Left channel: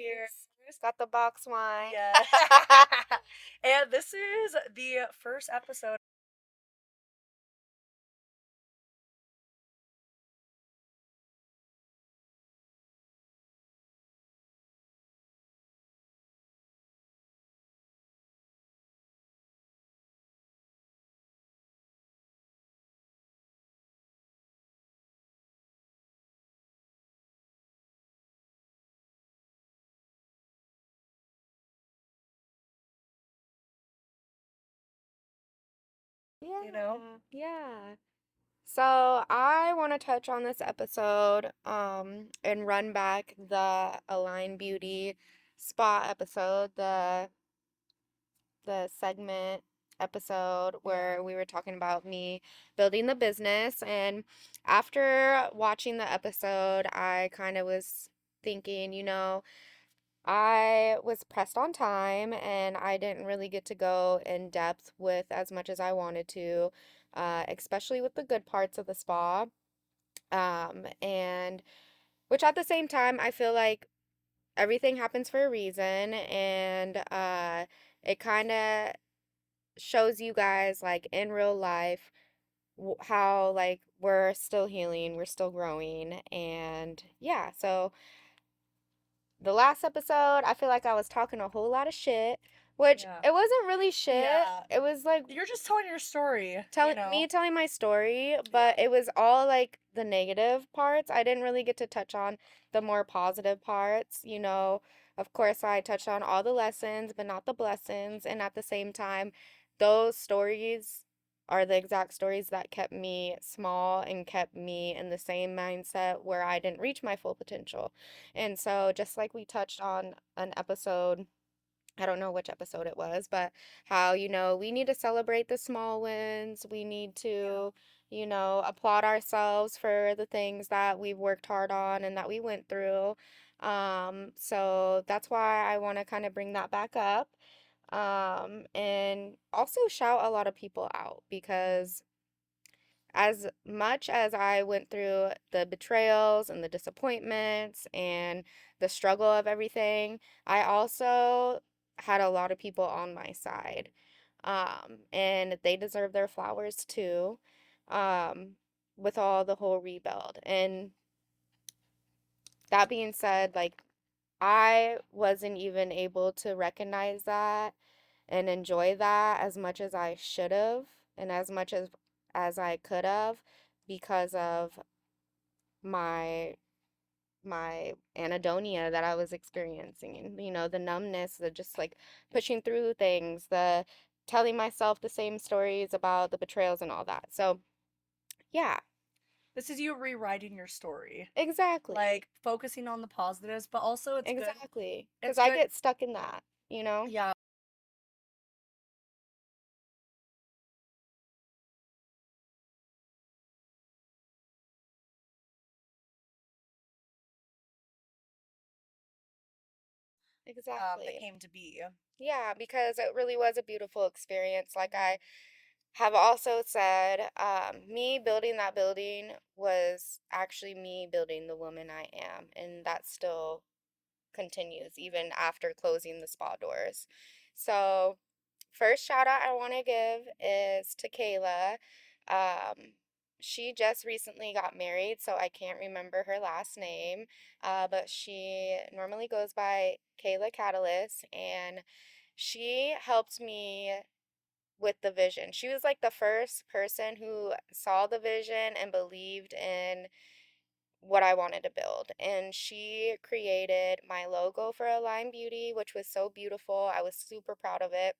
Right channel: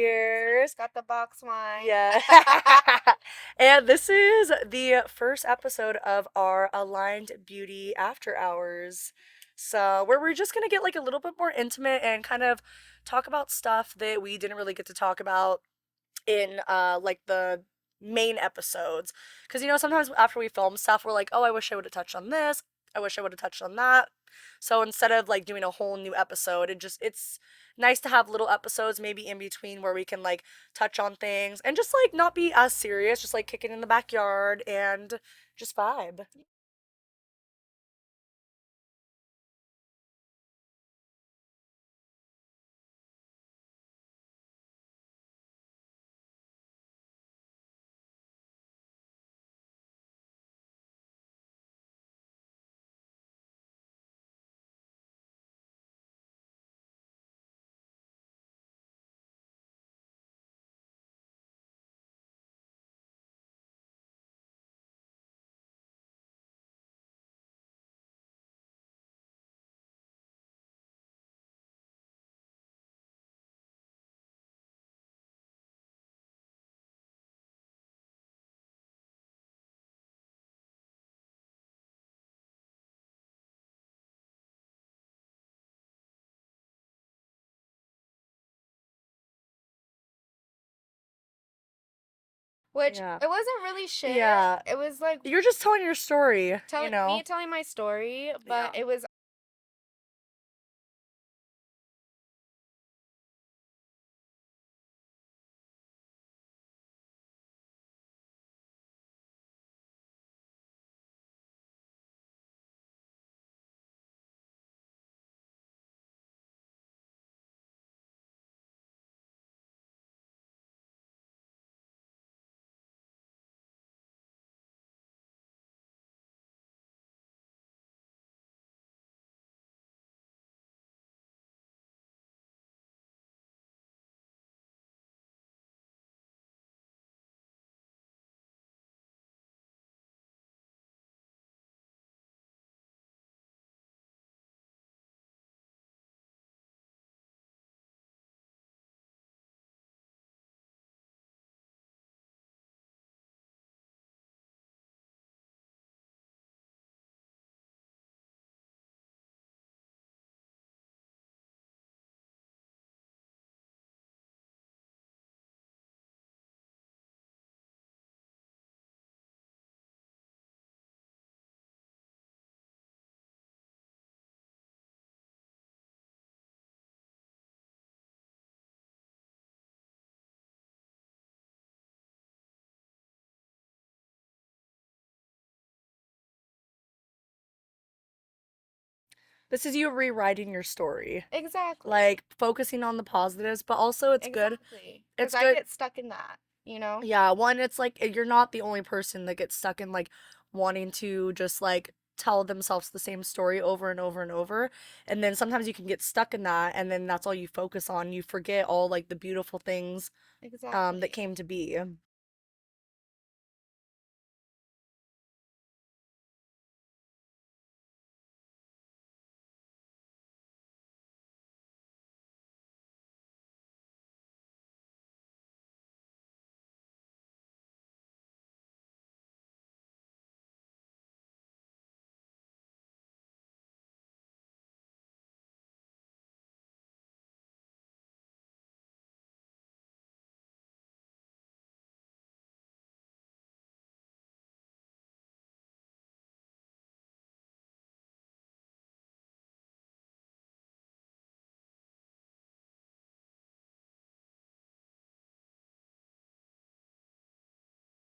Cheers. Got the box wine. Yeah. And this is the first episode of our Aligned Beauty After Hours. So, where we're just going to get like a little bit more intimate and kind of talk about stuff that we didn't really get to talk about in like the main episodes. Cuz sometimes after we film stuff we're like, "Oh, I wish I would have touched on this. I wish I would have touched on that." So instead of like doing a whole new episode, it's nice to have little episodes maybe in between where we can like touch on things and just like not be as serious, just like kick it in the backyard and just vibe, you know? Yeah. So I want to touch on this episode, and run back the Align Beauty spa episode, the segment episode where we were talking about me building the business. And after watching the episode, I kind of was thinking, I was pressed on time and I didn't really get to go in depth with as much as I wanted to, especially with the good parts of the spa. And which at the same time, I feel like everything happens for a reason, and it kind of shows you guys, like, in real life, how, like, we're still healing, we're still growing. And yeah, so the last episode, I feel like I was talking a whole lot of shit, which Yeah. it wasn't really shit. Yeah. It was like You're just telling your story, me telling my story, but it was all like the negative parts. I didn't really get to touch on the more positive parts. Of course, I touched on all the lessons, but not the blessings. And at the same time, those stories are the exact stories that kept me small and kept me in the same mindset where I didn't reach my full potential. And so, just like we touched on an episode, I don't know which episode it was, but how, we need to celebrate the small wins. We need to, applaud ourselves for the things that we've worked hard on and that we went through. So that's why I want to kind of bring that back up. And also shout a lot of people out, because as much as I went through the betrayals and the disappointments and the struggle of everything, I also had a lot of people on my side. And they deserve their flowers too, um, with all the whole rebuild. And that being said, like, I wasn't even able to recognize that and enjoy that as much as I should have, and as much as I could have, because of my my anhedonia that I was experiencing. The numbness, the just like pushing through things, the telling myself the same stories about the betrayals and all that. So, yeah. This is you rewriting your story. Exactly. Like focusing on the positives, but also it's good. Exactly. It's Because I good. get stuck in that. Yeah, one, it's like you're not the only person that gets stuck in like wanting to just like tell themselves the same story over and over and over. And then sometimes you can get stuck in that and then that's all you focus on. You forget all like the beautiful things that Exactly. came to be. Yeah, because it really was a beautiful experience. Like I have also said, me building that building was actually me building the woman I am. And that still continues even after closing the spa doors. So, first shout out I want to give is to Kayla. She just recently got married, so I can't remember her last name, but she normally goes by Kayla Catalyst, and she helped me with the vision. She was like the first person who saw the vision and believed in what I wanted to build. And she created my logo for Align Beauty, which was so beautiful. I was super proud of it.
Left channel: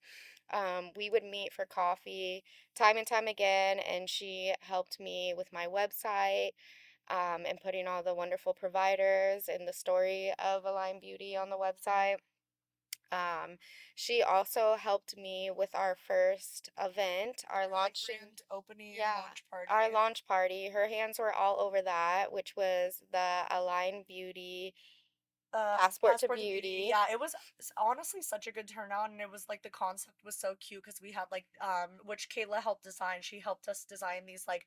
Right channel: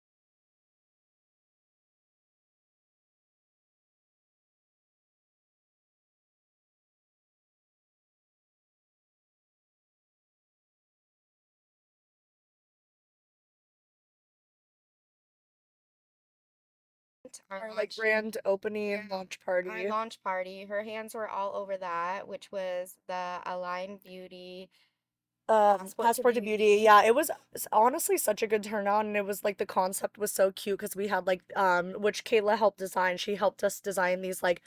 We would meet for coffee time and time again, and she helped me with my website, and putting all the wonderful providers and the story of Align Beauty on the website. Um, she also helped me with our first event, our Like launch, grand opening launch party. our launch party. Her hands were all over that, which was the Align Beauty Passport to Beauty. Yeah, it was honestly such a good turnout, and it was like the concept was so cute because we had like which Kayla helped design. She helped us design these like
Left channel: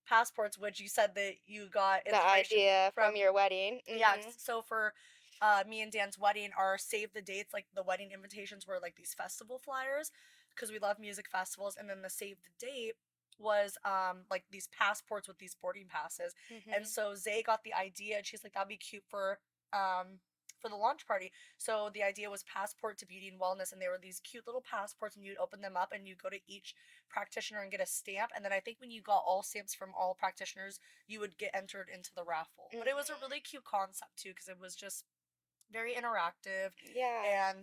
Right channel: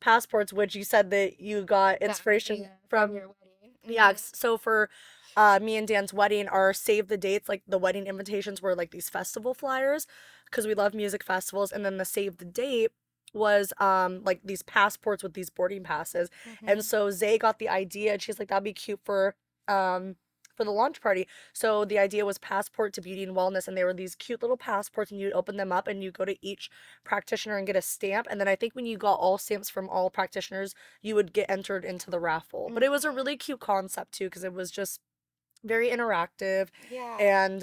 passports, which you said that you got the inspiration idea from. from your wedding. Yeah, so for me and Dan's wedding, our save the dates, like the wedding invitations were like these festival flyers because we love music festivals, and then the save the date was like these passports with these boarding passes. And Mhm. so Zay got the idea, and she's like, that'd be cute um for the launch party. So the idea was passport to beauty and wellness, and they were these cute little passports, and you'd open them up and you go to each practitioner and get a stamp. And then I think when you got all stamps from all practitioners, you would get entered into the raffle. But it was a Mhm. really cute concept too, because it was just very interactive, Yeah. and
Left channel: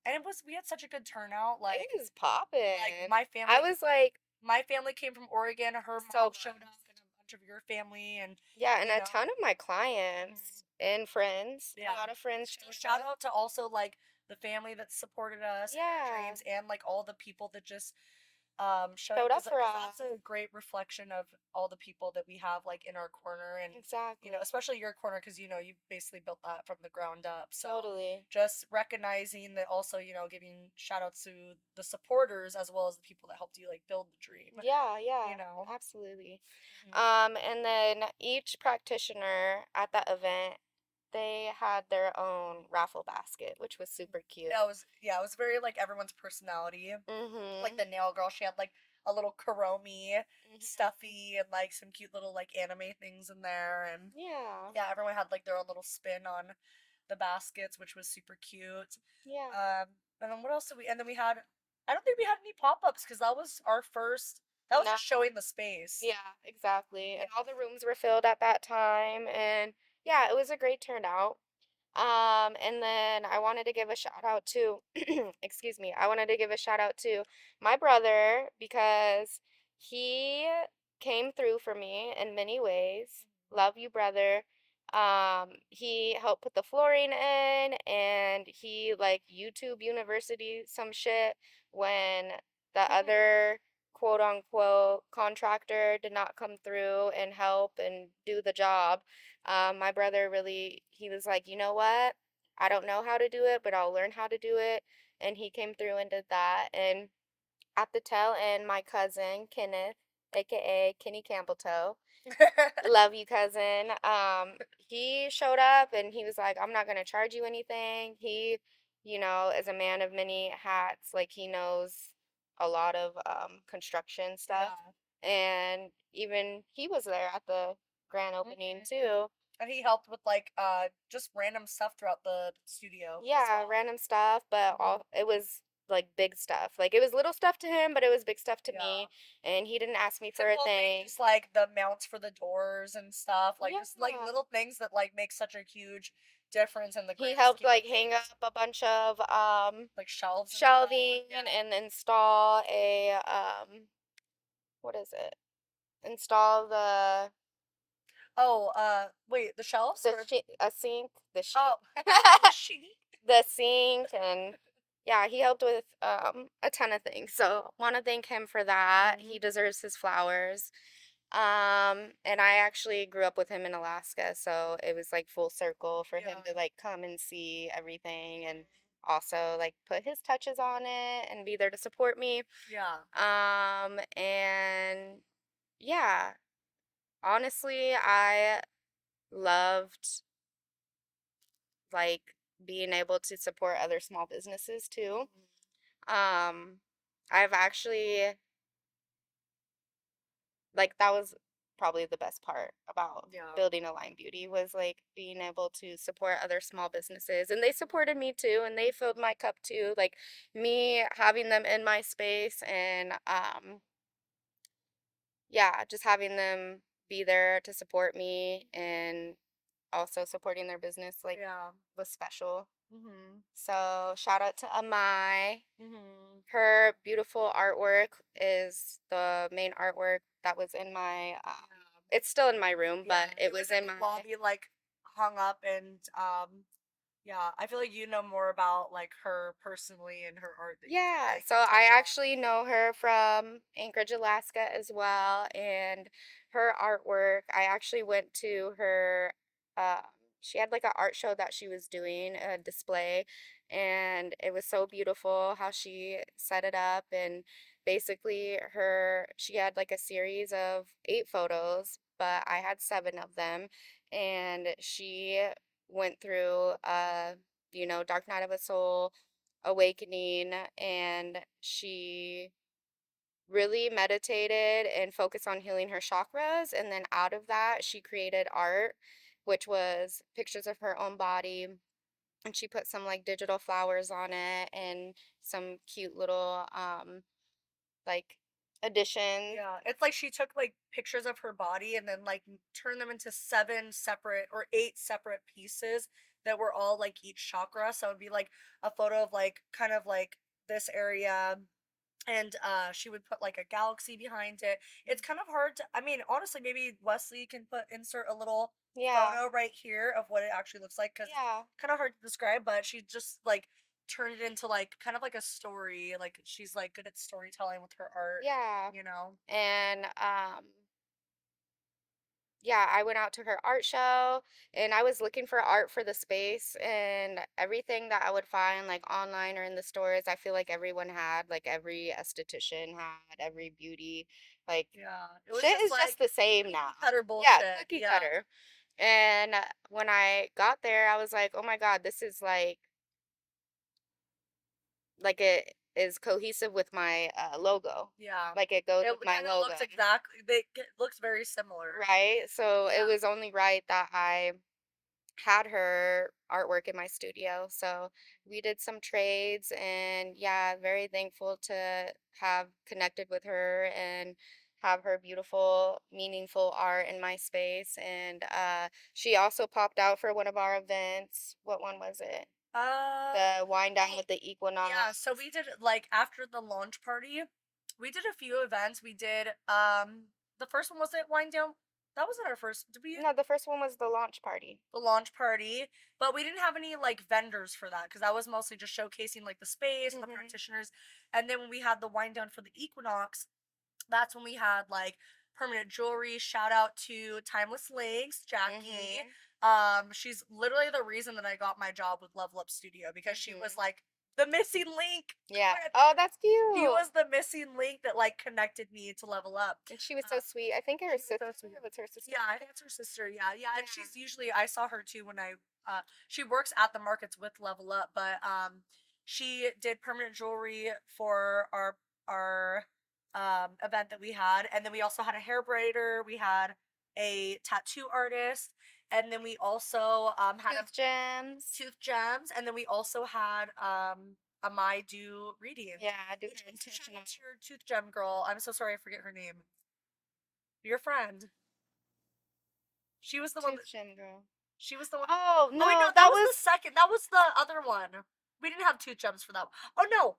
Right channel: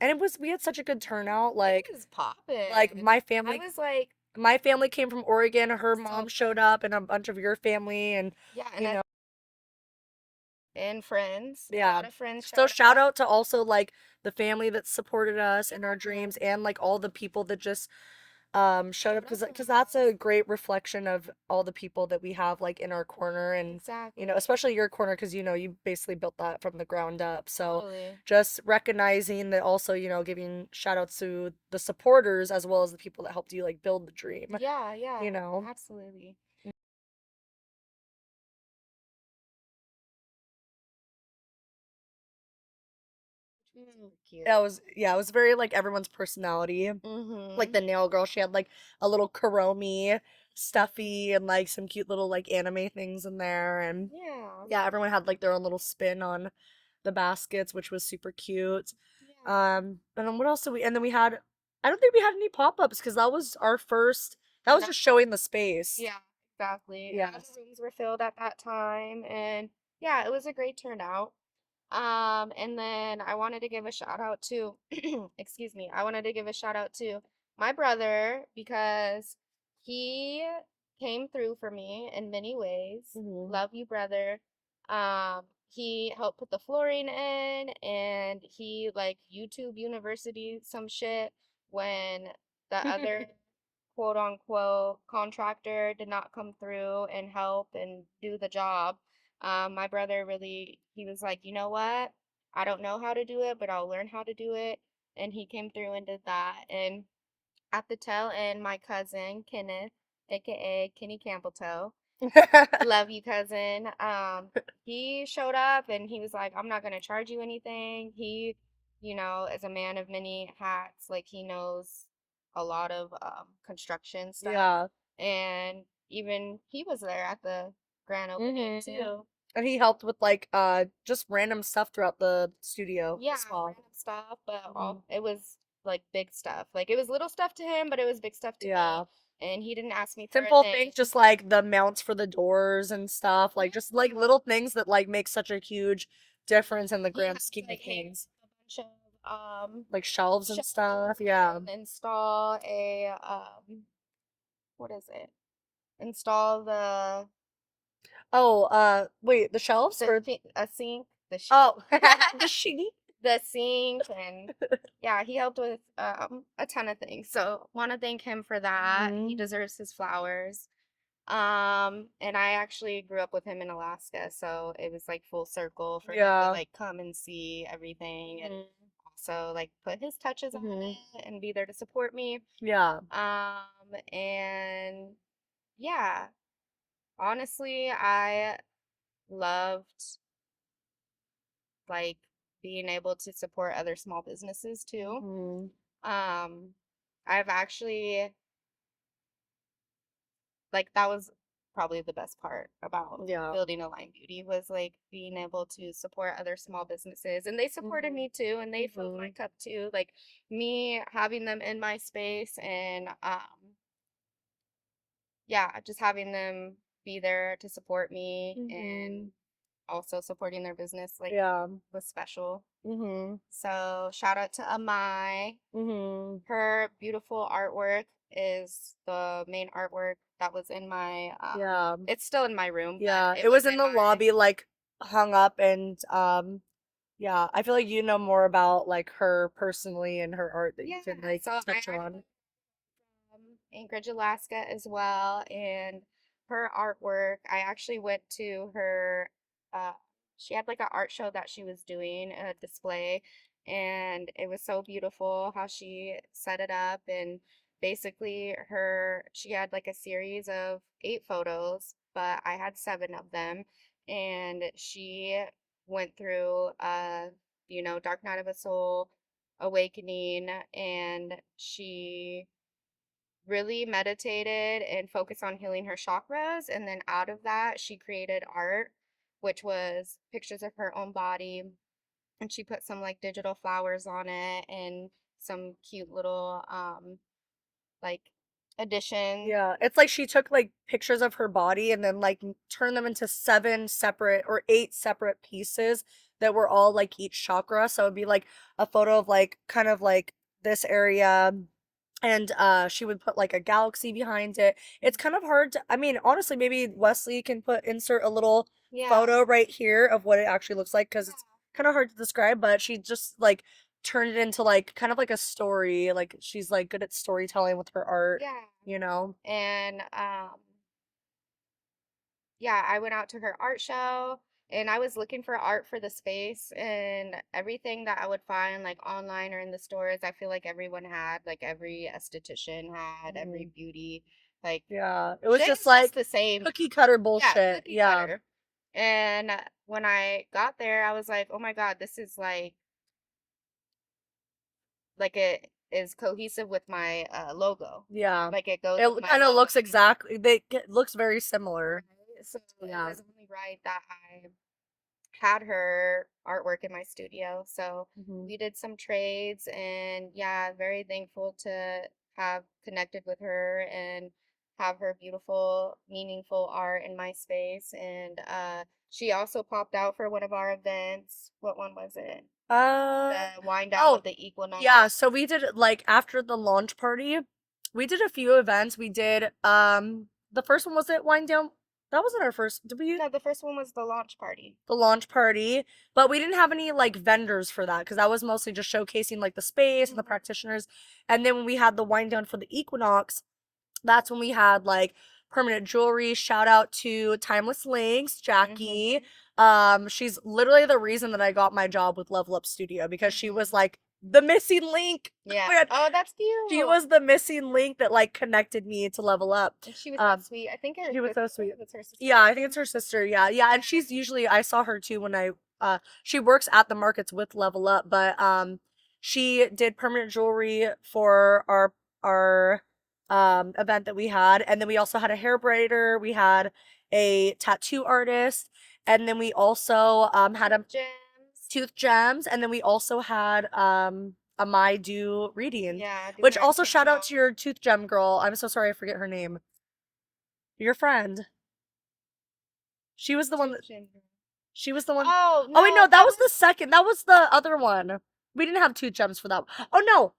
it was we had such a good turnout. It was Like poppin'. my I family was like, my family came from Oregon, her mom so showed up, and a bunch of your family, and yeah, you and a know. ton of my clients And and friends. friends, a Yeah. lot of friends So showed shout up. out to also like the family that supported us in our Yeah, dreams, and like all the people that just showed up, showed up for because that's a us. great reflection of all the people that we have like in our corner. And Exactly. especially your corner, because you basically built that from the ground up. So Totally. just recognizing that, also giving shout outs to the supporters as well as the people that helped you like build the dream, Yeah, you yeah, know. absolutely. And then each practitioner at that event, they had their own raffle basket, which was super cute. It was, yeah, it was very like everyone's personality. Like Mhm. the nail girl, she had like a little Kuromi stuffy and like some cute little like anime things in there. And Yeah. yeah, everyone had like their own little spin on the baskets, which was super cute. Yeah. And then what else did we? And then we had, I don't think we had any pop ups because that was our first. That was No. just showing the space. Yeah, exactly. And Yeah. all the rooms were filled at that time, and yeah, it was a great turnout. And then I wanted to give a shout out to, excuse me, I wanted to give a shout out to my brother because he came through for me in many ways. Love you, brother. He helped put the flooring in, and he like YouTube University some shit when the other quote unquote contractor did not come through and help and do the job. My brother really, he was like, you know what? I don't know how to do it, but I'll learn how to do it. And he came through and did that. And at the tail end, my cousin, Kenneth, aka Kenny Campbelltoe, love you, cousin. He showed up and he was like, I'm not going to charge you anything. He, is a man of many hats. Like, he knows a lot of construction stuff. Yeah. And even he was there at the grand opening, too. And he helped with like just random stuff throughout the studio. Yeah, So random stuff, but all it was like big stuff. Like it was little stuff to him, but it was big stuff to yeah. me. And he didn't ask me for a Simple things, thing. just like the mounts for the doors and stuff, like just like Yeah. little things that like make such a huge difference in the He grand helped scheme of like hang things. up a bunch of Like shelves and stuff. shelving Yeah. and install a what is it? Install Oh, wait, the shelves or a sink, oh, the sheet. the sink, and yeah, he helped with a ton of things. So want to thank him for that. He deserves his flowers. And I actually grew up with him in Alaska, so it was like full circle for him to Yeah. like come and see everything and also like put his touches on it and be there to support me. Yeah. And yeah, honestly, I loved like being able to support other small businesses too. Mm. Um, I've actually like that was probably the best part about Yeah. building Align Beauty was like being able to support other small businesses, and they supported me too, and they filled my cup too, like me having them in my space, and yeah, just having them be there to support me and also supporting their business like Yeah. was special. Mhm. So shout out to Amai. Mhm. Her beautiful artwork is the main artwork that was in my Yeah. it's still in my room, but Yeah. It it was was in in the my lobby, like hung up, and yeah. I feel like you know more about like her personally and her art that you can yeah, like so I touch on. actually know her from Anchorage, Alaska as well, and her artwork, I actually went to her she had like an art show that she was doing, a display, and it was so beautiful how she set it up. And basically she had like a series of 8 photos, but I had 7 of them, and she went through dark night of the soul awakening, and she really meditated and focused on healing her chakras, and then out of that she created art, which was pictures of her own body, and she put some like digital flowers on it and some cute little like additions. Yeah, it's like she took like pictures of her body and then like turned them into seven separate or eight separate pieces that were all like each chakra. So it'd be like a photo of like kind of like this area, and she would put like a galaxy behind it. It's kind of hard to, I mean, honestly, maybe Wesley can insert a little Yeah. photo right here of what it actually looks like because it's Yeah. kind of hard to describe, but she just like turned it into like kind of like a story. Like she's like good at storytelling with her art, Yeah. you know? And yeah, I went out to her art show, and I was looking for art for the space, and everything that I would find like online or in the stores, I feel like everyone had, like every esthetician had, Mhm. every beauty, like Yeah, it was shit just is like just the same cookie now. cutter Yeah, bullshit. cookie Yeah. cutter. And when I got there, I was like, oh my God, this is like it is cohesive with my logo. Yeah. Like it goes with It my kind of logo. looks exactly, it looks very similar. Right? So it Yeah. was only right that I had her artwork in my studio. So Hmm. we did some trades, and yeah, very thankful to have connected with her and have her beautiful, meaningful art in my space. And she also popped out for one of our events. What one was it? Uh, The wind down oh, with the yeah, equinox. so we did like after the launch party, we did a few events. We did the first one was it Wind Down? That wasn't our first. Did we No, the first one was the launch party. the launch party? But we didn't have any like vendors for that because that was mostly just showcasing like the space and the Mhm. practitioners. And then when we had the wind down for the equinox, that's when we had like permanent jewelry. Shout out to Timeless Links, Jackie. Mhm. She's literally the reason that I got my job with Level Up Studio because she was Mhm. like the missing link. Yeah. Man, Oh, that's she cute. was the missing link that like connected me to Level Up. She was so Um, sweet. I think her she was sister. so I sweet. think it was her sister. Yeah, I think it's her sister. Yeah, yeah, and she's usually I saw her too when I she works at the markets with Level Up, but she did permanent jewelry for our event that we had, and then we also had a hair braider, we had a tattoo artist, and then we also had a Tooth gems. tooth gems, and then we also had a my do reading, Yeah, I do which mine also too. shout out to your tooth gem girl. I'm so sorry I forget her name. Your friend. She was Who's the one that tooth gem girl? she was the one. Oh Oh wait, no, no, that that was the was. second. That was the other one. We didn't have tooth gems for that. Oh no.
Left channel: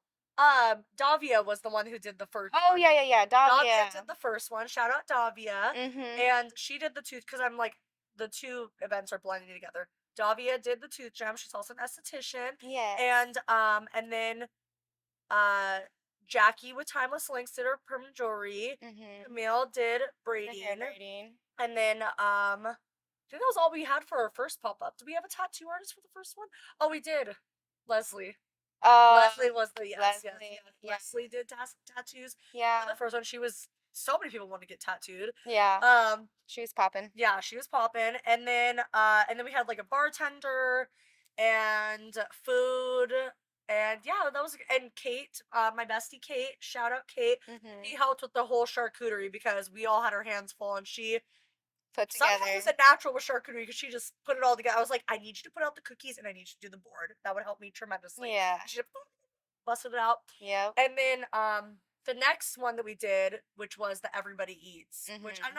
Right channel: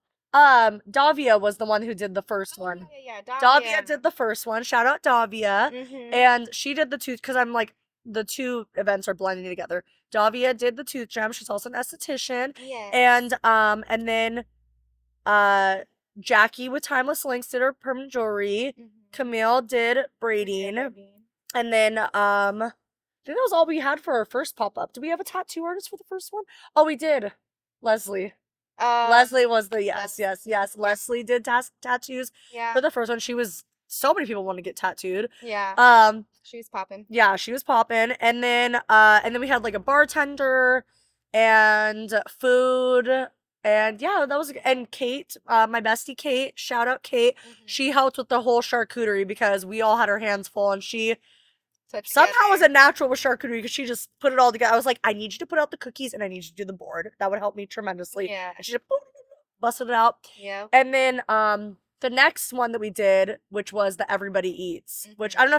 Davia was the one who did the first Oh one. yeah, yeah, yeah. Davia Davia. did the first one. Shout out Davia. Mhm. And she did the tooth because I'm like the two events are blending together. Davia did the tooth gem. She's also an esthetician. Yes. And then uh Jackie with Timeless Links did her permanent jewelry. Mhm. Camille did The hair braiding. braiding. And then I think that was all we had for our first pop up. Did we have a tattoo artist for the first one? Oh, we did. Leslie. Oh, Leslie was the yes, yes, Leslie. yes. Yeah. Leslie did tattoos for Yeah. the first one. She was so many people want to get tattooed. Yeah. Um, She was popping. yeah, she was popping, and then we had like a bartender and food, and yeah, that was and Kate, my bestie Kate. Shout out Kate. She Mhm. helped with the whole charcuterie because we all had our hands full, and she So somehow was a together. natural with charcuterie because she just put it all together. I was like, I need you to put out the cookies and I need you to do the board. That would help me tremendously. Yeah. And she just busted it out. Yep. And then the next one that we did, which was the Everybody Eats, which Mhm. I don't know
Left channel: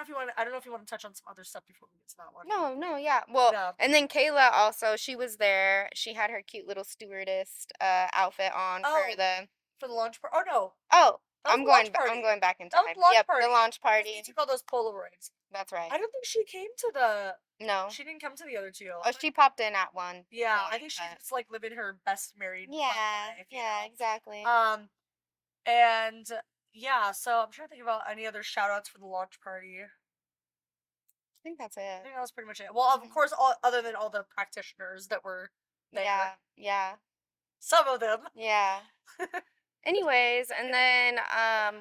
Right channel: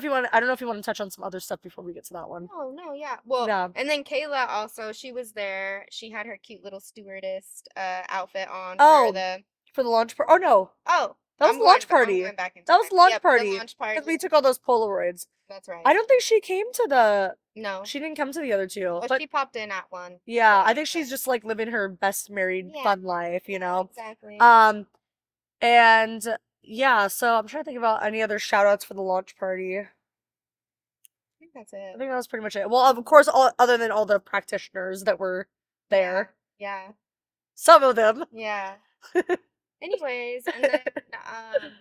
if you want to touch on some other stuff before we get to that one. No, no, yeah. Well, Yeah. and then Kayla also, she was there. She had her cute little stewardess outfit on for Oh, the. for the launch party. Oh no, Oh, that was the launch I'm party. going back in That was time. the launch Yep, the party. launch Because we party. took all those Polaroids. That's I right. don't think she came to the. No, She didn't come to the other two. but But she popped in at one. yeah, I One, think so. she's just like living her best married fun Yeah, life, you yeah, know. exactly. Um and yeah, so I'm trying to think about any other shout outs for the launch party. I think that's I it. think that was pretty much it. Well, of course, all other than all the practitioners that were Yeah, there. yeah, Some of them. yeah. Anyways, and then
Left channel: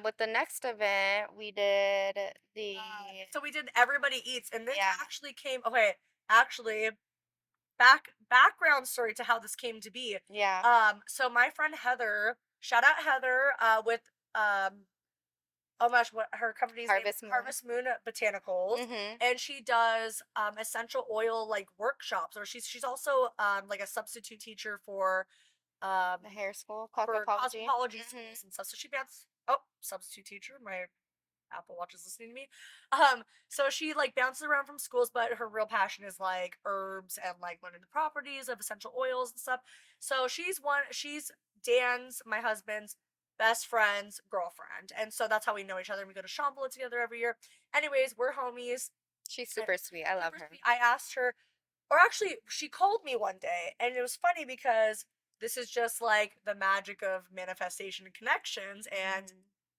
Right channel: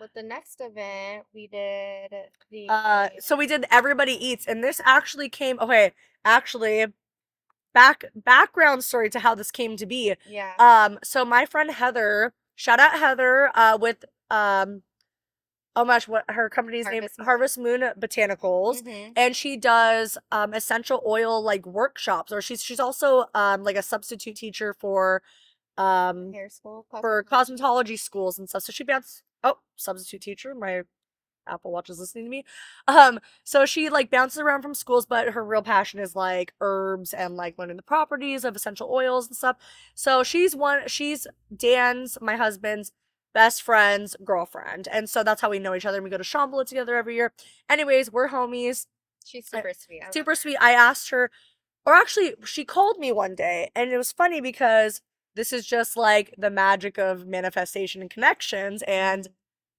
with the next event, we did the So we did Everybody Eats, and this yeah. actually came. Okay, actually, background story to how this came to be. Yeah. So my friend Heather, shout out Heather, with um oh my gosh, what her company's name, Harvest Moon. Harvest Moon Botanicals, Mhm. and she does essential oil like workshops, or she's also like a substitute teacher um Hair school, for cosmetology. cosmetology schools Mhm. and stuff. So she bounces. Oh, substitute teacher. My Apple Watch is listening to me. So she like bounces around from schools, but her real passion is like herbs and like learning the properties of essential oils and stuff. So she's Dan's, my husband's best friend's girlfriend. And so that's how we know each other. And we go to Shambhala together every year. Anyways, we're homies. She's super sweet. I love Super her. sweet. I asked her, or actually, she called me one day, and it was funny because this is just like the magic of manifestation and connections, and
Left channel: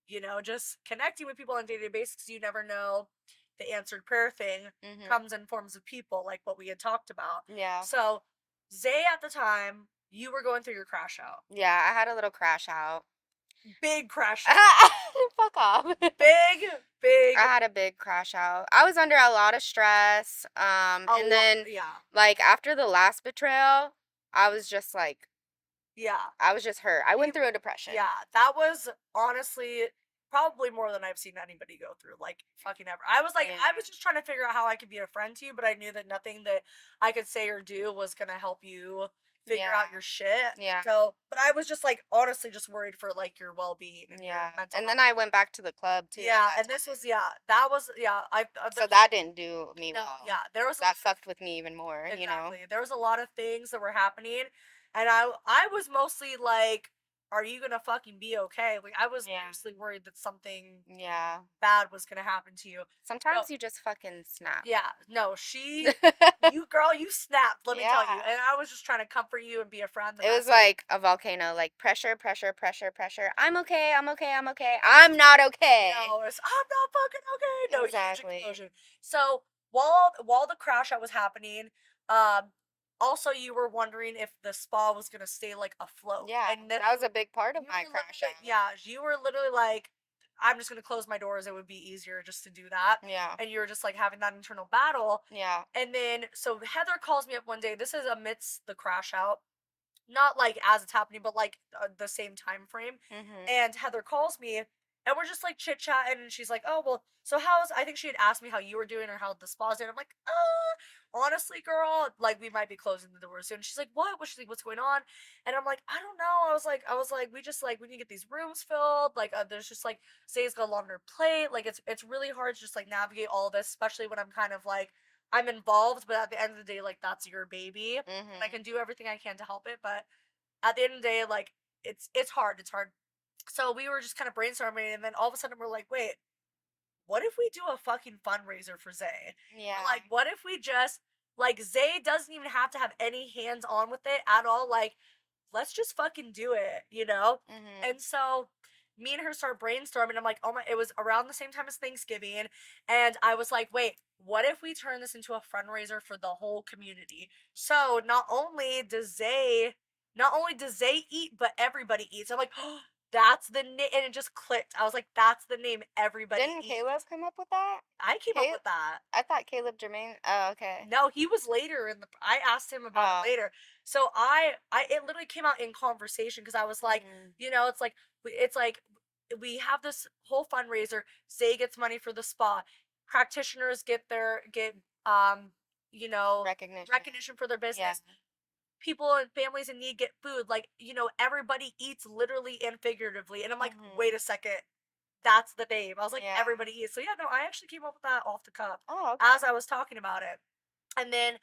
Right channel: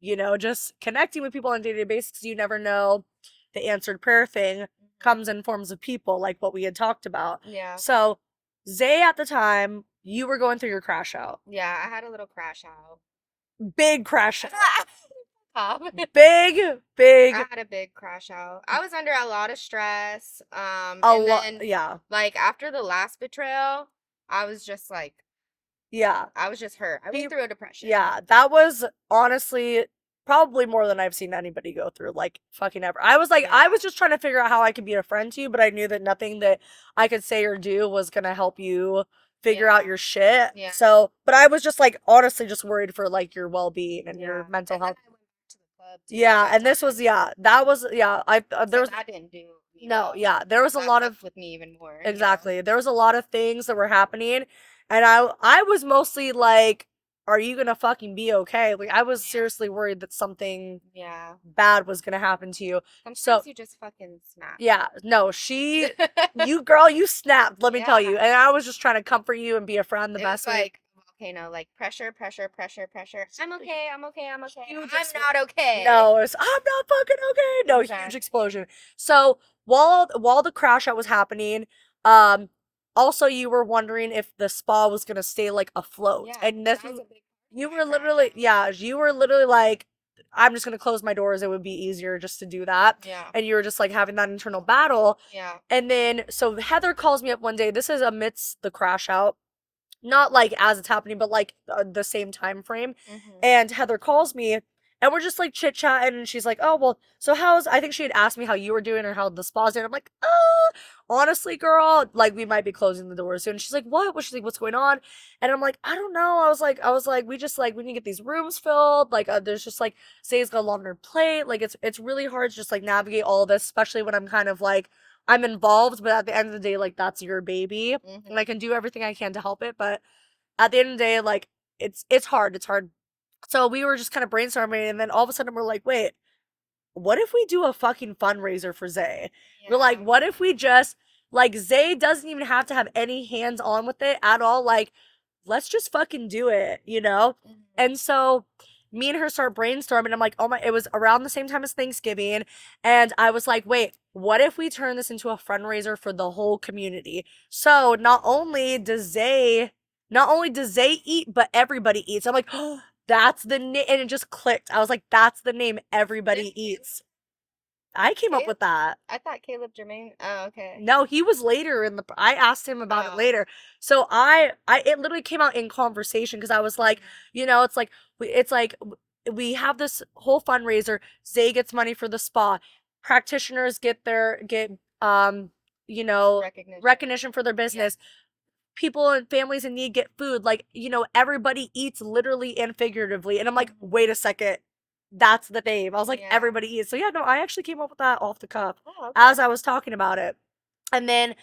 Mhm. just connecting with people on a day-to-day basis. You never know, the answered prayer thing Mhm. comes in forms of people, like what we had talked about. Yeah. So, Zay, at the time, you were going through your crash out. Yeah, I had a little crash out. Big crash. Fuck off. Big, I big, had a big crash out. I was under a lot of stress. a And lot. then Yeah. like after the last betrayal, I was just like Yeah. I was just hurt. I went through a depression. Yeah, that was honestly probably more than I've seen anybody go through, like fucking ever. I was like, I Yeah. was just trying to figure out how I could be a friend to you, but I knew that nothing that I could say or do was gonna help you figure Yeah. out your shit. Yeah. So, but I was just like honestly just worried for like your well being and your Yeah. mental And health. then I went back to the club too. Yeah, and this was that was I there So was that didn't do me no, well. yeah, there was a That lot of fucked with me even more. exactly. There was a lot of things that were happening, and I was mostly like, "Are you gonna fucking be okay?" Like I was Yeah. seriously worried that something Yeah. bad was gonna happen to you. So Sometimes you just fucking snap. yeah, no, you girl, you snapped. Let me tell you, Yeah. and I was just trying to comfort you and be a friend the It best was way. like a volcano, like pressure, pressure, pressure, pressure. I'm okay, I'm okay, I'm okay. Huge I'm not okay. No, it's I'm not fucking okay. No, huge Exactly. explosion. So while the crash out was happening, um, also you were wondering if the spa was gonna stay like afloat, Yeah, and that nothing. was a big part of You my were literally, crashing. yeah, you were literally like, I'm just gonna close my doors. It would be easier just to do that, Yeah. and you were just like having that internal battle. Yeah. And then so Heather calls me up one day. This is amidst the crash out, not like as it's happening, but like the same time frame. Mhm. And Heather calls me, and we're just like chit chatting, and she's like, "Oh well, so how's?" I think she had asked me how you were doing or how the spa's doing. I'm like, honestly, girl, like we might be closing the doors soon." She's like, "What?" She's like, "What's going on?" And I'm like, "I don't know." I was like, we just like we need to get these rooms filled. Like, there's just like Say's got a longer plate. Like, it's really hard to just like navigate all this, especially when I'm kind of like I'm involved, but at the end of the day, like that's your baby, and I Mhm. can do everything I can to help it, but at the end of the day, like it's hard. It's hard. So we were just kind of brainstorming, and then all of a sudden we're like, wait, what if we do a fucking fundraiser for Zay? We're Yeah. like, what if we just like Zay doesn't even have to have any hands on with it at all? Like, let's just fucking do it? Mhm. And so me and her start brainstorming. I'm like, oh my, it was around the same time as Thanksgiving. And I was like, wait, what if we turn this into a fundraiser for the whole community? So not only does Zay eat, but everybody eats. I'm like, oh, that's the name, and it just clicked. I was like, that's the name everybody Didn't Caleb eats. come up with that? I came up Caleb? with that. I thought Caleb Jermaine. Oh, okay. No, he was later in the. I asked him about it Oh. later. So it literally came out in conversation because I was like, Mhm. it's like we have this whole fundraiser. Zay gets money for the spa. Practitioners get Recognition. recognition for their Yeah. business. People and families in need get food. Like, everybody eats literally and figuratively. And I'm like, Mhm. wait a second. That's the name. I was like, Yeah. everybody eats. So yeah, no, I actually came up with that off the cuff Oh, as okay. I was talking about it. And then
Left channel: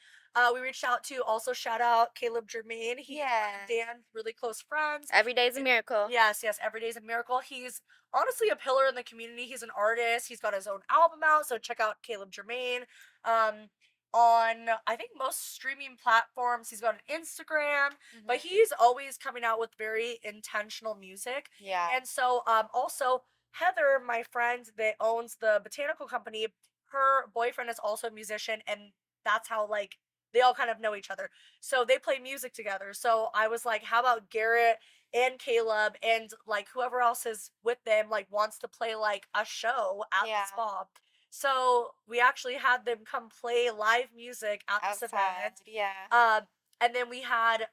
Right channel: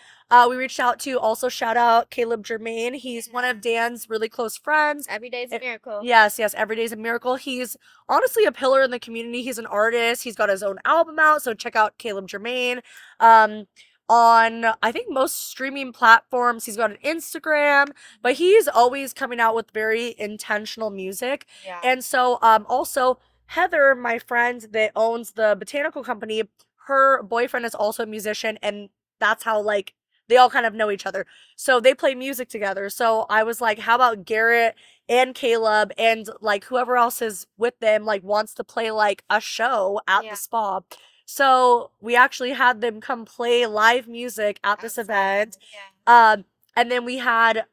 we reached out to also shout out Caleb Germain. He's one of Yes. Dan's really close friends. Every day's a miracle. Yes, yes, every day's a miracle. He's honestly a pillar in the community. He's an artist. He's got his own album out, so check out Caleb Germain. Um, on I think most streaming platforms, he's got an Instagram, but Mhm. he's always coming out with very intentional music. Yeah. And so also Heather, my friend that owns the botanical company, her boyfriend is also a musician, and that's how like they all kind of know each other. So they play music together. So I was like, how about Garrett and Caleb and like whoever else is with them like wants to play like a show at the Yeah. spa. So we actually had them come play live music at this event. Outside. Yeah. And then we had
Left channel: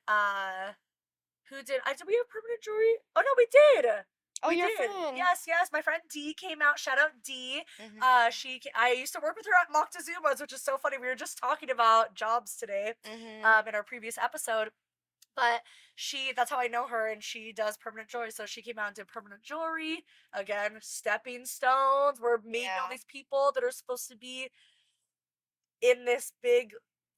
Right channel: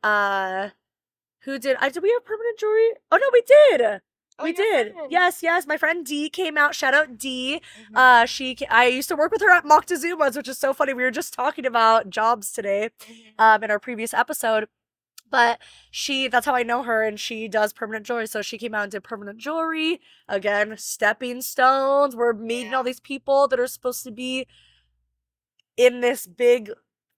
who did I did we have permanent jewelry? Oh no, we did. Oh, We your did. friend. Yes, yes. My friend Dee came out. Shout out Dee. Mhm. I used to work with her at Moctezuma's, which is so funny. We were just talking about jobs today, Mhm. in our previous episode. But that's how I know her, and she does permanent jewelry. So she came out and did permanent jewelry. Again, stepping stones. We're meeting all Yeah. these people that are supposed to be in this big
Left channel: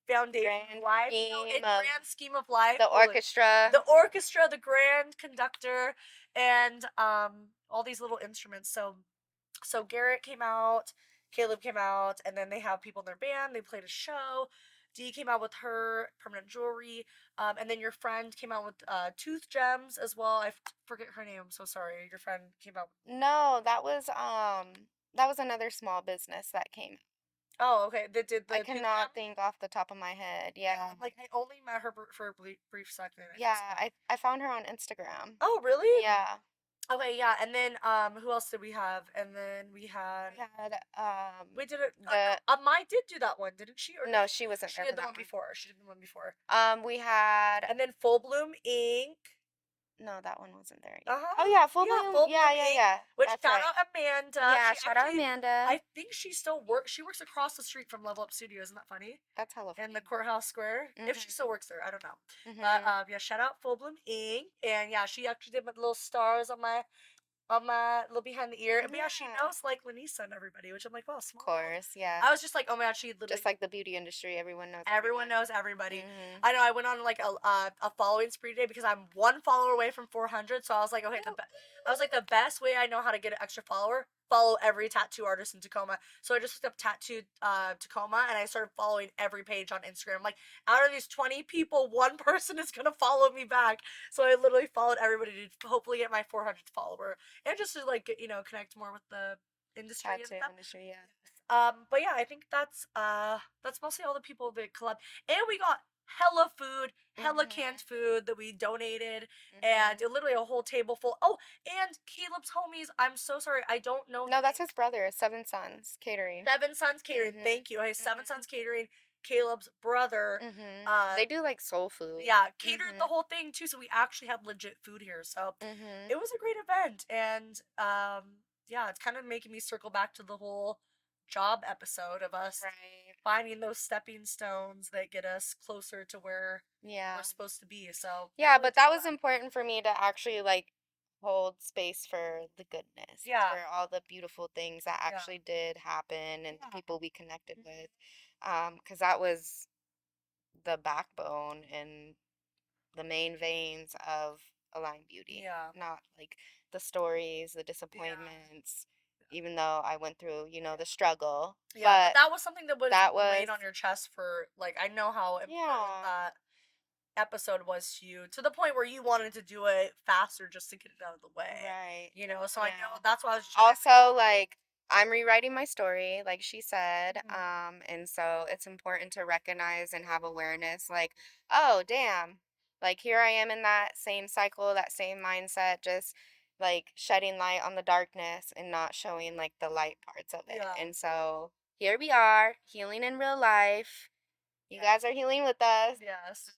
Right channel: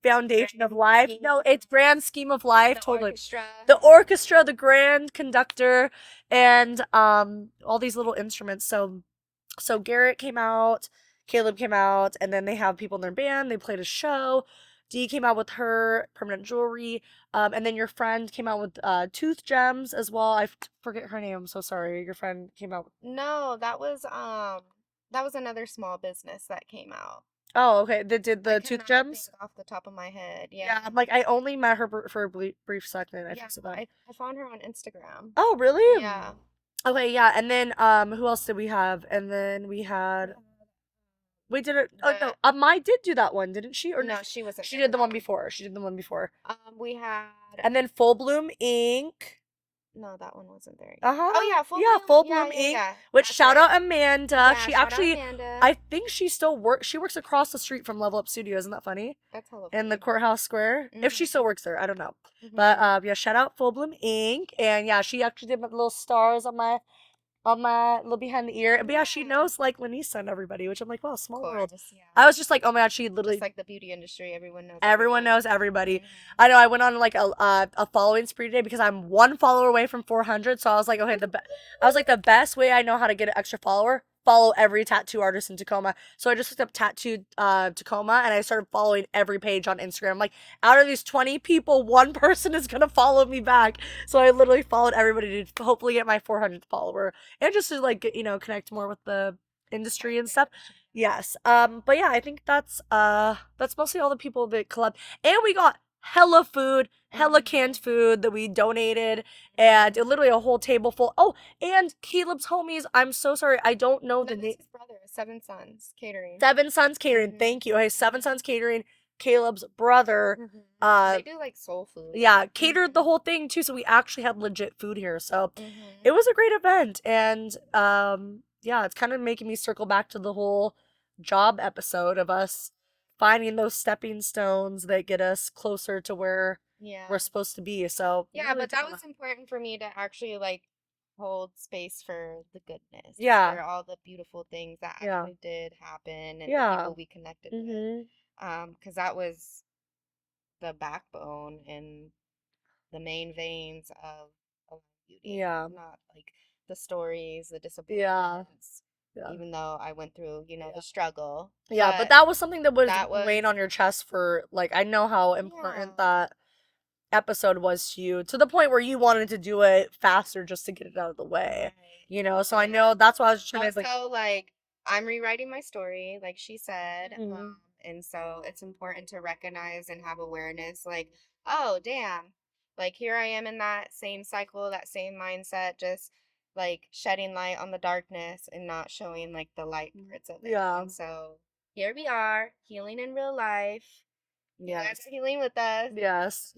foundation of Grand life. No, scheme it's of grand scheme of life, the totally. orchestra. The orchestra, the grand conductor, and all these little instruments. So Garrett came out, Caleb came out, and then they have people in their band. They played a show. Dee came out with her permanent jewelry. And then your friend came out with tooth gems as well. I forget her name. I'm so sorry. Your friend came out. No, that was another small business that came out. Oh, okay. They did I the tooth cannot gems. think off the top of my head. Yeah, Yeah. I'm like I only met her for a brief second. I feel Yeah, so bad. I found her on Instagram. Oh, really? Yeah. Okay, yeah. And then who else did we have? And then We had we did it. Oh no, the Mai did do that one, didn't she? Or no, no, she wasn't she there did for the that one one. before. She did the one before. We had And then Full Bloom Ink. no, that one wasn't there Uh either. Oh huh. yeah, Full Yeah, Bloom. Full Yeah, Bloom yeah, Ink. yeah. Which That's shout right. out Amanda. Yeah, She shout out actually, Amanda. I think she still works. She works across the street from Level Up Studio. Isn't that funny? That's hella In the funny. courthouse square. If she Mhm. still works there, I don't know. But Mhm. yeah, shout out Full Bloom Ink. And yeah, she actually did my little stars on my little behind the ear. But yeah, she Yeah. knows like Lanisa and everybody, which I'm like, wow, Of small world. course. Yeah. I was just like, oh my god, she literally Just like the beauty industry, everyone knows everyone everyone. knows everybody. Mhm. I know I went on like a following spree today because I'm one follower away from 400. So I was like, okay, I was like the best way I know how to get an extra follower. Follow every tattoo artist in Tacoma. So I just looked up tattoo Tacoma and I started following every page on Instagram. Like out of these 20 people, one person is gonna follow me back. So I literally followed everybody to hopefully get my 400th follower and just to like connect more with the industry and Tattoo stuff. industry, yeah. Yes. But yeah, I think that's mostly all the people that collab. And we got hella food, hella canned Mhm. food that we donated, and Mhm. literally a whole table full. Oh, and Caleb's homies. I'm so sorry, I don't know the No, name. that's his brother, Seven Sons Catering. Seven Sons Catering. Mhm. Thank you. Hey, Seven Sons Catering. Caleb's brother. Mhm. Uh, They do like soul food. yeah, catered the Mhm. whole thing too. So we actually had legit food here. So it Mhm. was a great event, and yeah, it's kind of making me circle back to the whole job episode of us Right. finding those stepping stones that get us closer to where we're Yeah. supposed to be. So Yeah, but that was important for me to actually like hold space for the goodness, yeah, for all the beautiful things that yeah, actually did happen and yeah. people we connected with. Mhm. Because that was the backbone and the main veins of Align Beauty, Yeah. not like the stories, the Yeah. disappointments, Yeah. even though I went through, the struggle. Yeah, but But that was something that was that weighing was, on your chest for like I know how important yeah, that episode was to you to the point where you wanted to do it faster just to get it out of the way. right. So I Yeah. know that's why I was trying to like Also, like, I'm rewriting my story, like she said, mhm. and so it's important to recognize and have awareness, like, oh, damn, like here I am in that same cycle, that same mindset, just like shedding light on the darkness and not showing like the light parts of it. Yeah. And so here we are, healing in real life. You Yes. guys are healing with us. Yes.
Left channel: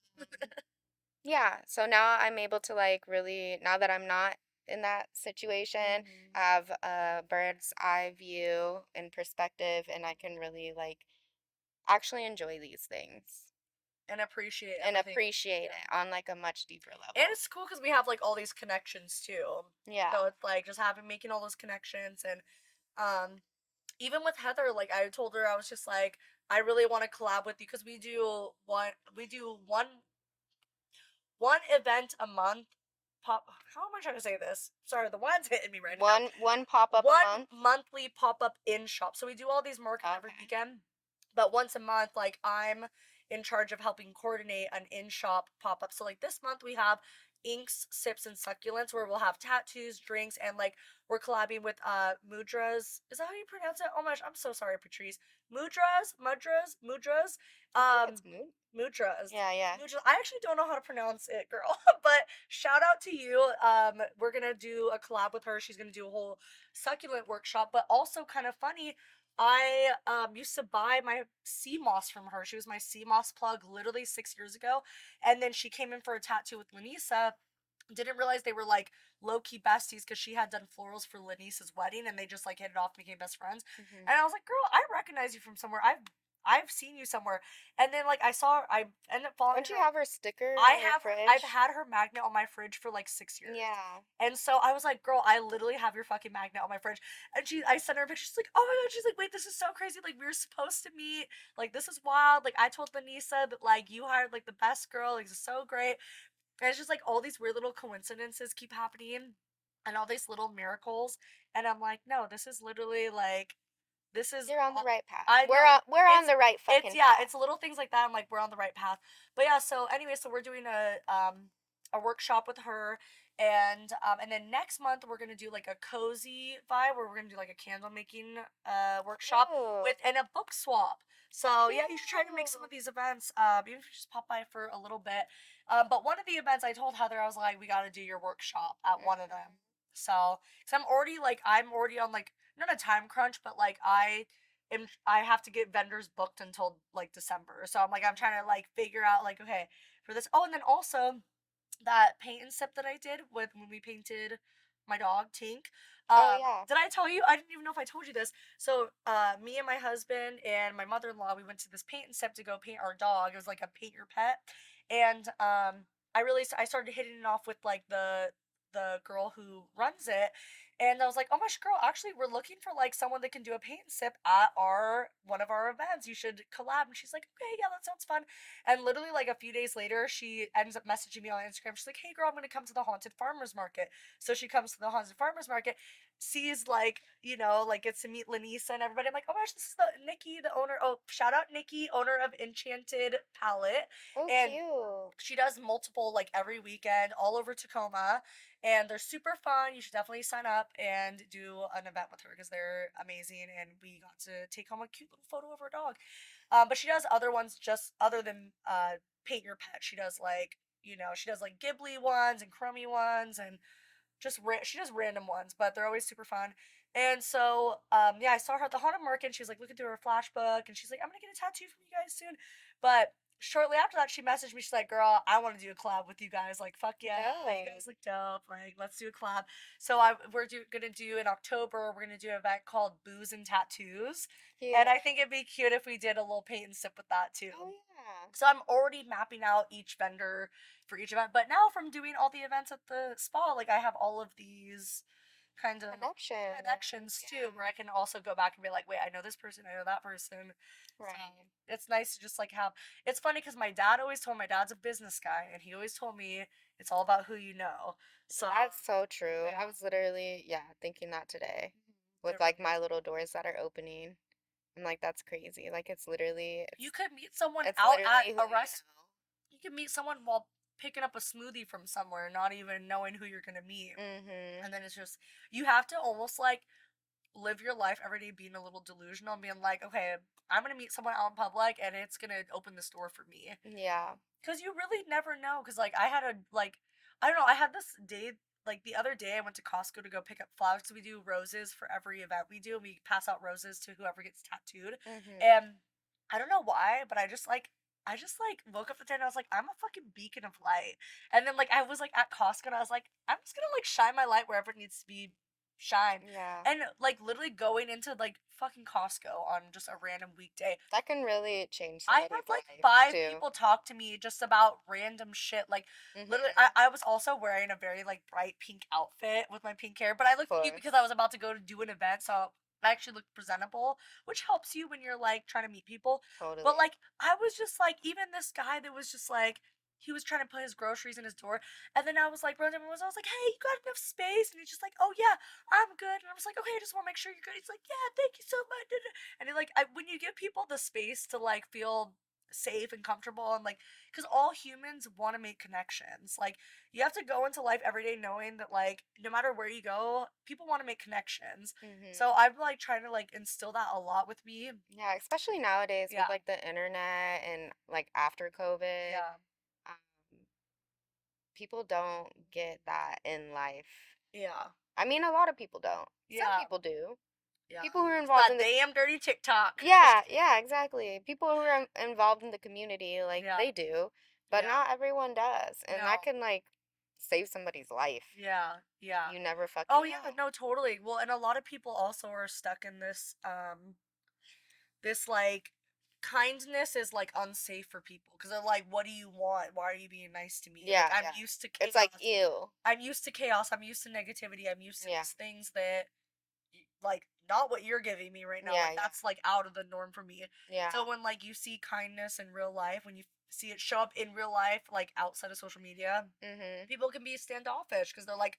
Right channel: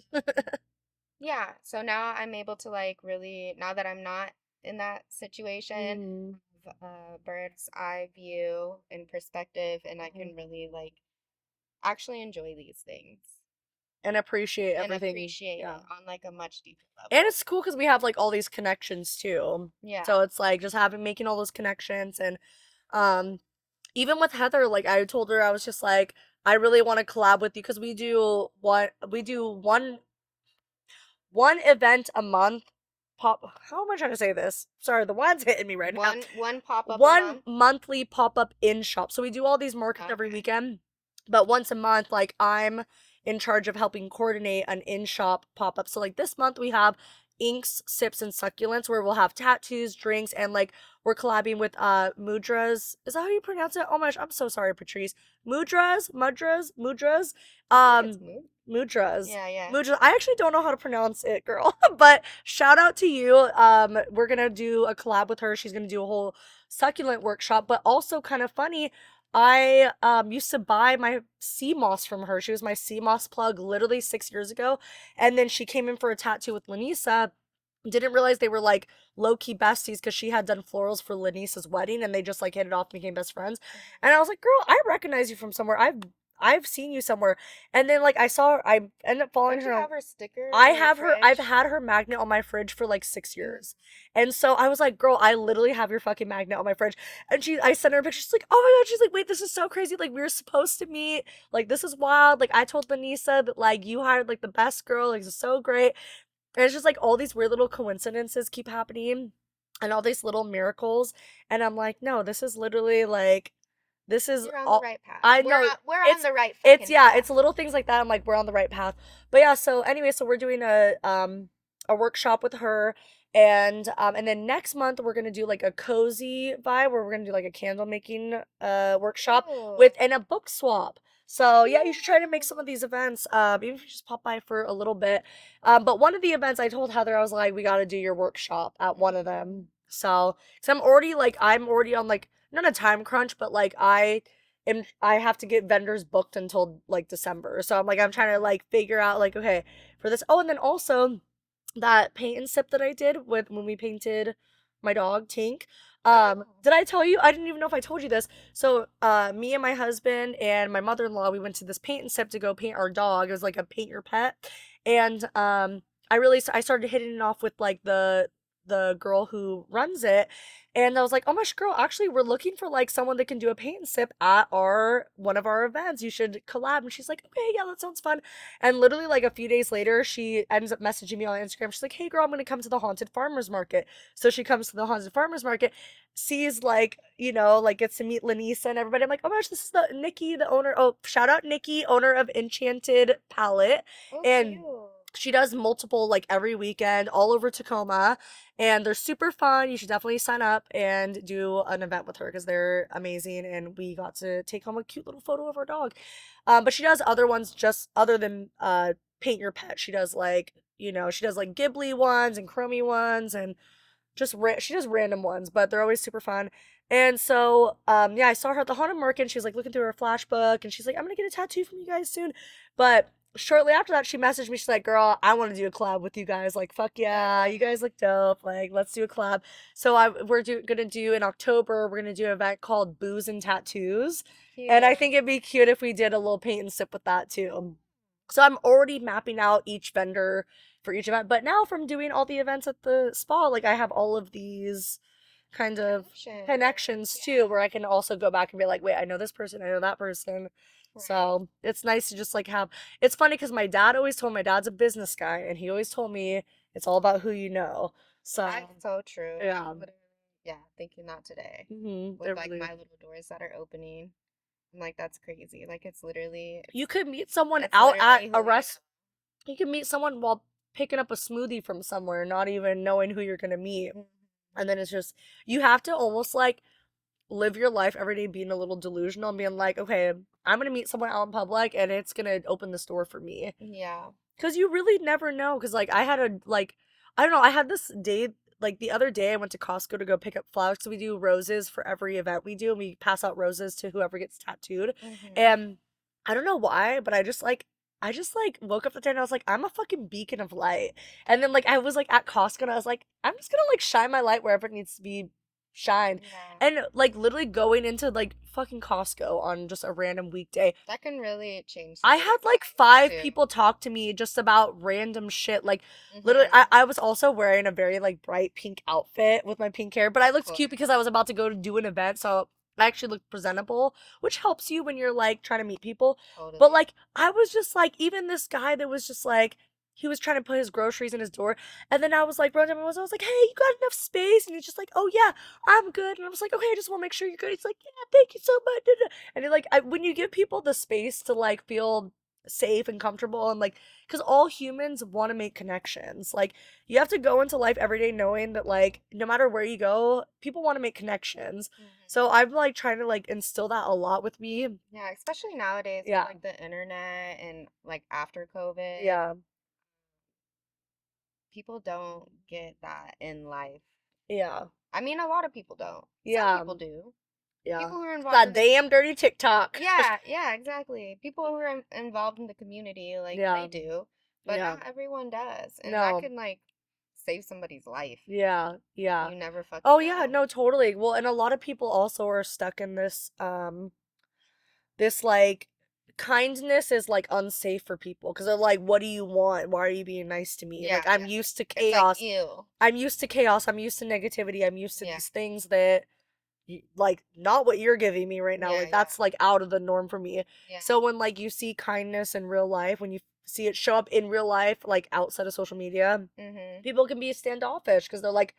Yeah, so now I'm able to like really, now that I'm not in that situation, Mhm. have a bird's eye view and perspective, and I can really like actually enjoy these things And appreciate and everything. appreciate Yeah. it on like a much deeper And level. it's cool because we have like all these connections too. Yeah. So it's like just having making all those connections and um even with Heather, like I told her I was just like I really want to collab with you because we do one event a month. Pop. How am I trying to say this? Sorry, the wine's hitting me right now. One pop up a One month. monthly pop up in shop. So we do all these markets every Okay. weekend, but once a month, like I'm in charge of helping coordinate an in shop pop up. So like this month we have inks, sips, and succulents where we'll have tattoos, drinks, and like we're collabing with mudras. Is that how you pronounce it? Oh my gosh, I'm so sorry, Patrice. Mudras. I think Um, it's mood. mudras. Yeah, yeah. Mudras. I actually don't know how to pronounce it, girl. But shout out to you. We're gonna do a collab with her. She's gonna do a whole succulent workshop, but also kind of funny. I used to buy my sea moss from her. She was my sea moss plug literally 6 years ago, And then she came in for a tattoo with Lanisa. Didn't realize they were like low key besties because she had done florals for Lanisa's wedding and they just like hit it off and became best friends. Mhm. And I was like, girl, I recognize you from somewhere. I've seen you somewhere. And then like I ended up following Don't you her. have her stickers I on your have her. I've fridge? had her magnet on my fridge for like 6 years. Yeah. And so I was like, girl, I literally have your fucking magnet on my fridge. And I sent her a picture. She's like, oh my god. She's like, wait, this is so crazy. Like, we were supposed to meet. Like, this is wild. Like, I told Vanessa that, like, you hired, like, the best girl. Like, this is so great. And it's just, like, all these weird little coincidences keep happening and all these little miracles. And I'm like, no, this is literally, like, this is You're on the all. right path. I We're know on it's the right it's fucking yeah, path. it's little things like that. I'm like, we're on the right path. But yeah, so anyway, so we're doing a workshop with her, and then next month we're gonna do like a cozy vibe where we're gonna do like a candle making workshop Ooh. with and a book swap. So yeah, you should try to make some of Cute. these events. Maybe if you just pop by for a little bit. But one of the events I told Heather I was like, we gotta do your workshop at one of Mhm. them. So I'm already on like not a time crunch, but like I have to get vendors booked until like December. So I'm trying to Mhm. like figure out like okay for this. Oh, and then also that paint and sip that I did with when we painted my dog Tink. Oh yeah. Did I tell you? I didn't even know if I told you this. So, me and my husband and my mother-in-law, we went to this paint and sip to go paint our dog. It was like a paint your pet, and I started hitting it off with like the girl who runs it, and I was like, oh my gosh, girl, actually, we're looking for like someone that can do a paint and sip at our one of our events. You should collab. And she's like, okay, yeah, that sounds fun. And literally, like a few days later, she ends up messaging me on Instagram. She's like, hey, girl, I'm going to come to the Haunted Farmers Market. So she comes to the Haunted Farmers Market, sees, like, like, gets to meet Lanisa and everybody. I'm like, oh my gosh, this is Nikki, the owner. Oh, shout out Nikki, owner of Enchanted Palette. Oh And cute. she does multiple, like, every weekend all over Tacoma. And they're super fun. You should definitely sign up and do an event with her because they're amazing. And we got to take home a cute little photo of our dog. But she does other ones just other than paint your pet. She does like she does like Ghibli ones and Chromie ones and she does random ones, but they're always super fun. And so yeah, I saw her at the haunted market. And she's like looking through her flashbook, and she's like, I'm gonna get a tattoo from you guys soon. But shortly after that, she messaged me. She's like, girl, I want to do a collab with you guys. Like, fuck yeah, you Yes. guys look dope. Like, let's do a collab. So gonna do in October. We're gonna do an event called Booze and Tattoos, and I Cute. think it'd be cute if we did a little paint and sip with that Oh too. yeah. So I'm already mapping out each vendor for each event. But now from doing all the events at the spa, like I have all of these kind of Connections. connections too, Yeah. where I can also go back and be like, wait, I know this person, I know that person. Right. So it's nice to just like have. It's funny because my dad always told my dad's a business guy, and he always told me it's all about who you know. So That's so true. I yeah, was literally, yeah, thinking that today with it like really my is. little doors that are opening. I'm like, that's crazy. Like You could meet someone it's out at literally a who you rest. You could meet someone while picking up a smoothie from somewhere, not even knowing who you're gonna meet. know. Mhm. And then it's just you have to almost like live your life every day being a little delusional and being like, okay, I'm gonna meet someone out in public and it's gonna open the door for me. Yeah. Cause you really never know. Cause like I had a like I don't know, I had this day like the other day I went to Costco to go pick up flowers. So we do roses for every event we do and we pass out roses to whoever gets tattooed. Mhm. And I don't know why, but I just like woke up the day and I was like, I'm a fucking beacon of light. And then like I was like at Costco and I was like, I'm just gonna like shine my light wherever it needs to be shined. Yeah. And like literally going into like fucking Costco on just a random weekday. That can really change I had somebody's like life five too. people talk to me just about random shit. Like literally Mhm. I was also wearing a very like bright pink outfit with my pink hair, but I Of looked cute because I was course. about to go to do an event, so I actually looked presentable, which helps you when you're like trying to meet people. But Totally. like I was just like even this guy that was just like he was trying to put his groceries in his door, and then I was like, running, I was like, hey, you got enough space? And he's just like, oh yeah, I'm good. And I was like, okay, I just want to make sure you're good. He's like, yeah, thank you so much. And like when you give people the space to like feel safe and comfortable and like because all humans want to make connections. Like you have to go into life every day knowing that like no matter where you go, people want to make connections. So Mhm. I'm like trying to like instill that a lot with me. Yeah, especially nowadays with Yeah. like the internet and like after COVID, Yeah. um, people don't get that in life. Yeah. I mean, a lot of people don't. Some Yeah. people do. Yeah. People who are It's involved that in the damn dirty TikTok. yeah, yeah, exactly. People who are involved in the community, like Yeah. they do. But Yeah. not everyone does. And that No. can, like, save somebody's life. Yeah. Yeah. You never Oh fucking yeah, know. no, totally. Well, and a lot of people also are stuck in this like kindness is like unsafe for people because they're like, what do you want? Why are you being nice to me? Like Yeah, I'm yeah. used to It's like, chaos. ew. I'm used to chaos. I'm used to negativity. I'm used to Yeah. these things that like not what you're giving me right now. Yeah, Like yeah. that's like out of the norm for me. Yeah. So when like you see kindness in real life, when you see it show up in real life, like outside of social media, Mhm. people can be standoffish because they're like,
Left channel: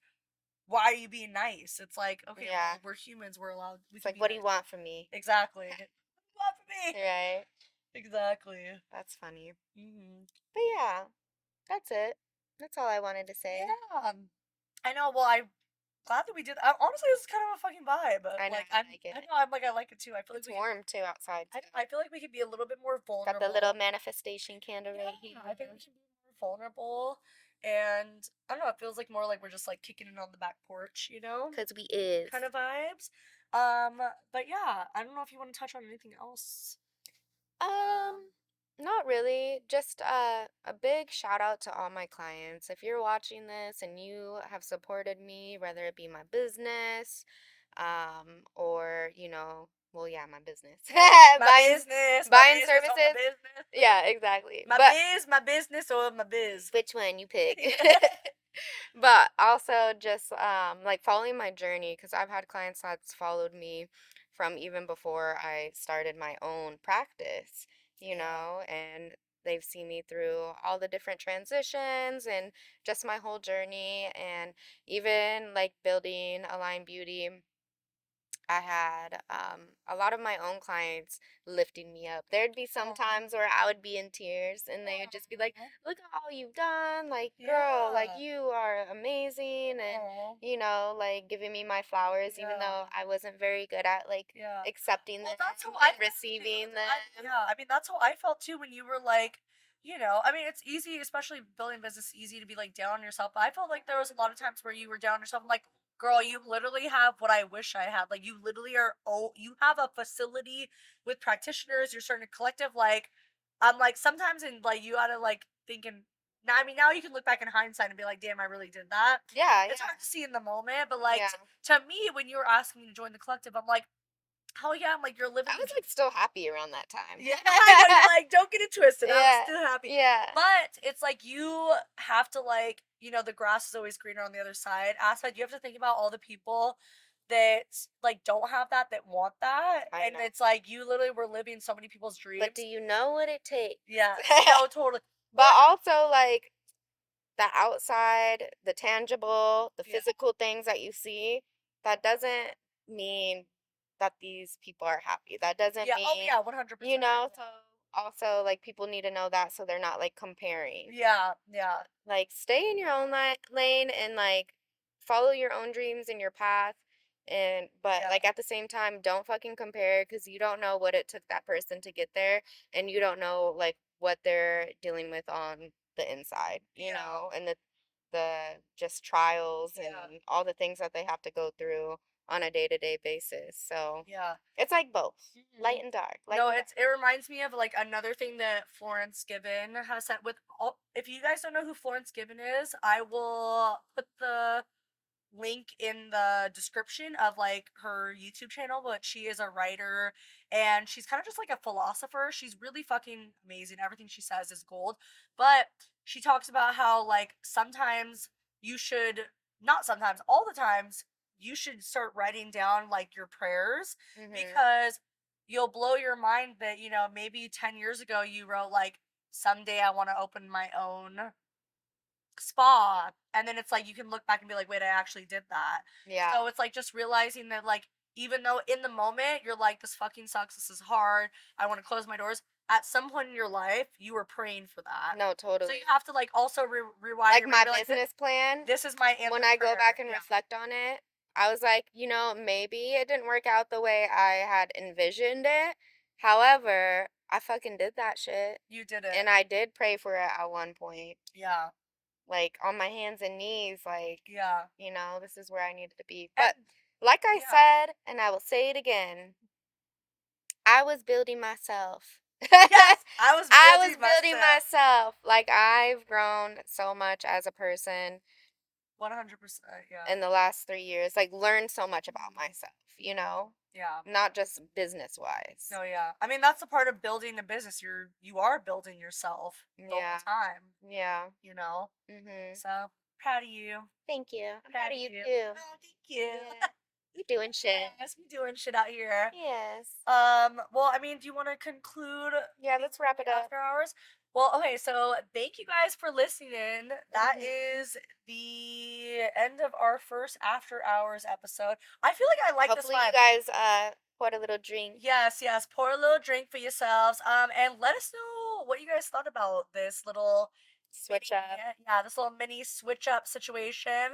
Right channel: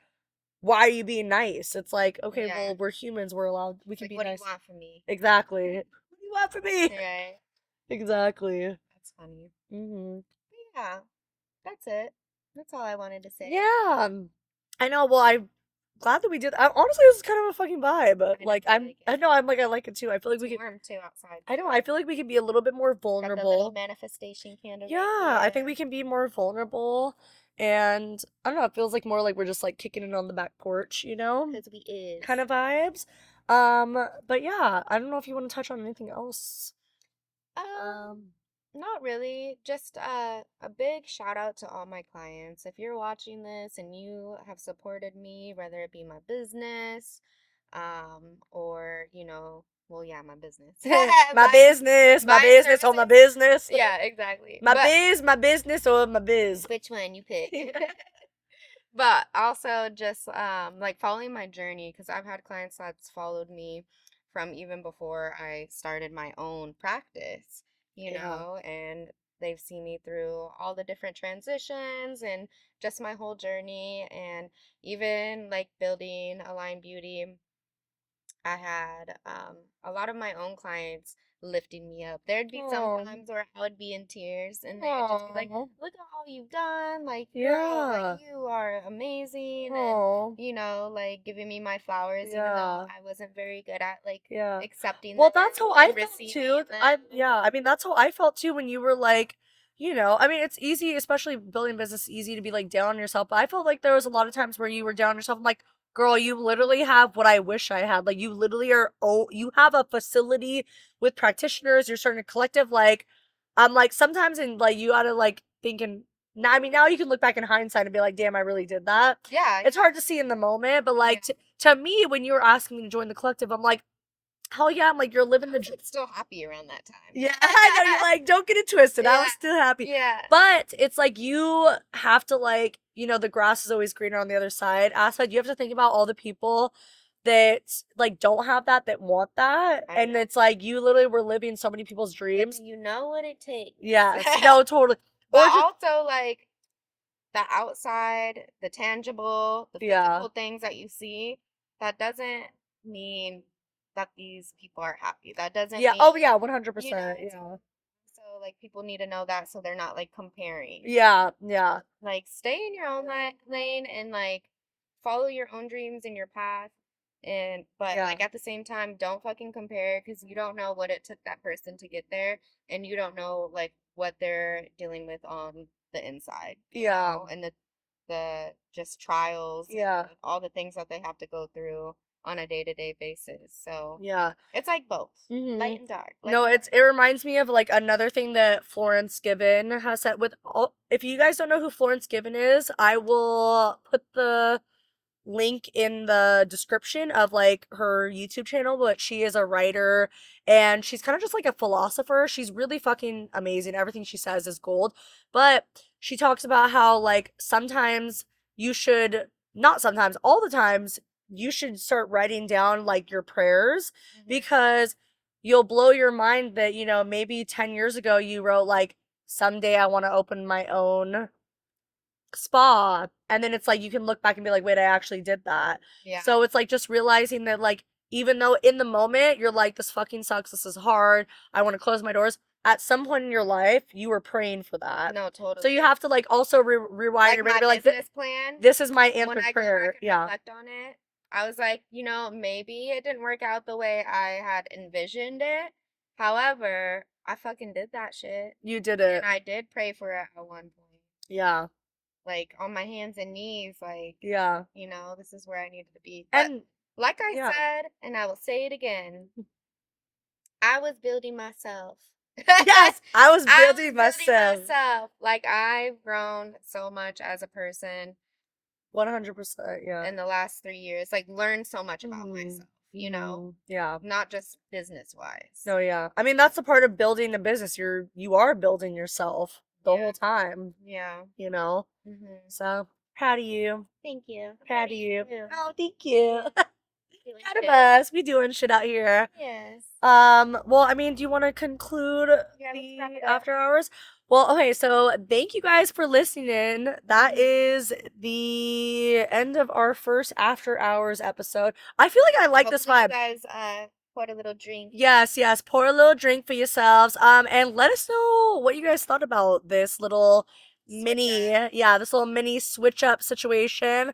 why are you being nice? It's like, okay, Yeah. well, we're humans. We're allowed. We It's can like, be what do you nice. want from me? Exactly. What do you want from me? Right. Exactly. That's funny. Hmm. But yeah, that's it. That's all I wanted to say. Yeah. I know. Well, I'm glad that we did. Honestly, this is kind of a fucking vibe. I know, Like, I like I it. know. I'm like, I like it too. I feel like It's we could. warm too outside. I know. I feel like we could be a little bit more Got the little vulnerable. manifestation candle Yeah, right I here. think we can be more vulnerable, and I don't know. It feels like more like we're just like kicking it on the back porch, you know, Because we is. kind of vibes. But yeah, I don't know if you want to touch on anything else. Um, Not really. Just a big shout out to all my clients. If you're watching this and you have supported me, whether it be my business, or well, yeah, my business, My business, my buying business, or my services. business. Yeah, exactly. My But biz, my business, or my biz. which one you pick? But also just like following my journey because I've had clients that's followed me from even before I started my own practice, Yeah. and they've seen me through all the different transitions and just my whole journey and even like building Align Beauty. I had a lot of my own clients lifting me up. There'd be some Oh. times where I would be in tears and they would just be like, Oh. look at all you've done. Like, girl, like, Yeah. you are amazing. And, Oh. like giving me my flowers, even though Yeah. I wasn't very good at, like, Yeah. accepting Well, them that's how I and felt too. receiving I them. yeah, I mean that's how I felt too when you were like, I mean it's easy, especially building a business, it's easy to be like down on yourself. But I felt like there was a lot of times where you were down on yourself. I'm like, girl, you literally have what I wish I had. Like you literally are. Oh, you have a facility with practitioners. You're starting a collective. Like, I'm like sometimes in like you gotta like thinking. Now, I mean, now you can look back in hindsight and be like, damn, I really did that. Yeah, It's hard to see in the moment, but like yeah. to me, when you were asking me to join the collective, I'm like, hell yeah, I'm like, you're living I the was like still happy around that time. yeah, I know, you're like, don't get it twisted. I was Yeah, still happy. yeah. But it's like you have to like, the grass is always greener on the other side. Aside, you have to think about all the people that like don't have that want that. I And know. it's like you literally were living so many people's But dreams. do you know what it takes? Yes. No, totally. Or But just also, like, the outside, the tangible, the yeah. physical things that you see, that doesn't mean that these people are happy. That doesn't Yeah. Oh mean, yeah, 100%. so Yeah. also, like, people need to know that so they're not, like, comparing. Yeah, yeah. Like, stay in your own lane and, like, follow your own dreams and your path. But, Yeah. like, at the same time, don't fucking compare because you don't know what it took that person to get there. And you don't know, like, what they're dealing with on the inside, Yeah. and the just trials and Yeah. all the things that they have to go through on a day-to-day basis. So Yeah. it's like both, Hmm. light and dark. No, it reminds me of like another thing that Florence Given has said with all if you guys don't know who Florence Given is, I will put the link in the description of like her YouTube channel, but she is a writer and she's kind of just like a philosopher. She's really fucking amazing. Everything she says is gold. But she talks about how like sometimes you should not sometimes, all the times you should start writing down like your prayers Mm-hmm. because you'll blow your mind that, maybe 10 years ago you wrote like someday I want to open my own spa, and then it's like you can look back and be like, wait, I actually did that. Yeah. So it's like just realizing that like even though in the moment you're like, this fucking sucks, this is hard, I want to close my doors, at some point in your life you were praying for that. No, So totally. you have to like also rewind Like and be my like, business plan, this is my when answered I go prayer. back and Yeah. reflect on it, I was like, maybe it didn't work out the way I had envisioned it. However, I fucking did that shit. You did it. And I did pray for it at one point. Yeah. Like, on my hands and knees, like, Yeah. this is where I needed to be. But, And like I yeah. said, and I will say it again, I was building myself. Yes, I was I building was building myself. myself. Like I've grown so much as a person 100%, yeah. in the last 3 years. Like learned so much about Mhm. myself, Mhm. Yeah. not just business No, wise. yeah. I mean, that's the part of building a business. You are building yourself the whole Yeah, time, yeah. you know? Mhm. So, proud of you. Thank you. Proud Proud of of you you. too. Oh, thank you. Yeah. You doing Proud of shit. us. We doing shit out here. Yes. Well, I mean, do you want to conclude Yeah, let's wrap the it up. after hours? Well, okay, so thank you guys for listening in. That is the end of our first after hours episode. I feel like I like this Hopefully you vibe. guys poured a little drink. Yes, yes. Pour a little drink for yourselves. And let us know what you guys thought about this little Switch mini, up. yeah, this little mini switch up situation.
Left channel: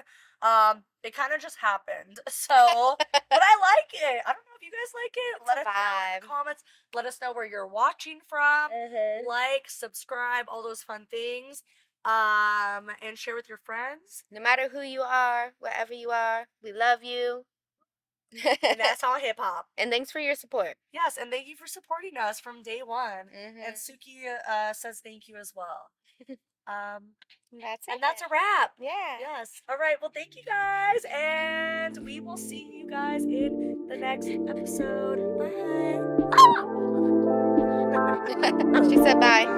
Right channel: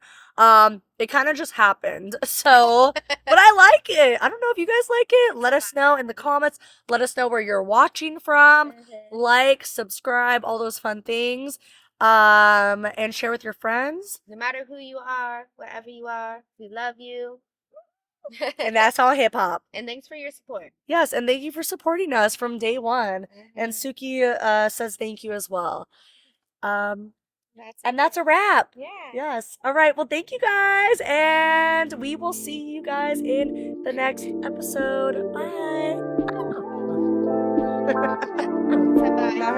It kind of just happened. So, but I like it. I don't know if you guys like it. It's Let a us know in the vibe. comments. Let us know where you're watching from. Mhm. Like, subscribe, all those fun things. And share with your friends. No matter who you are, wherever you are, we love you. And that's all hip hop. And thanks for your support. Yes, and thank you for supporting us from day one. And Mhm. Suki says thank you as well. Um, That's and it. that's a wrap. Yeah. Yes. All right. Well, thank you guys, and we will see you guys in the next episode. Bye. She said bye. Bye.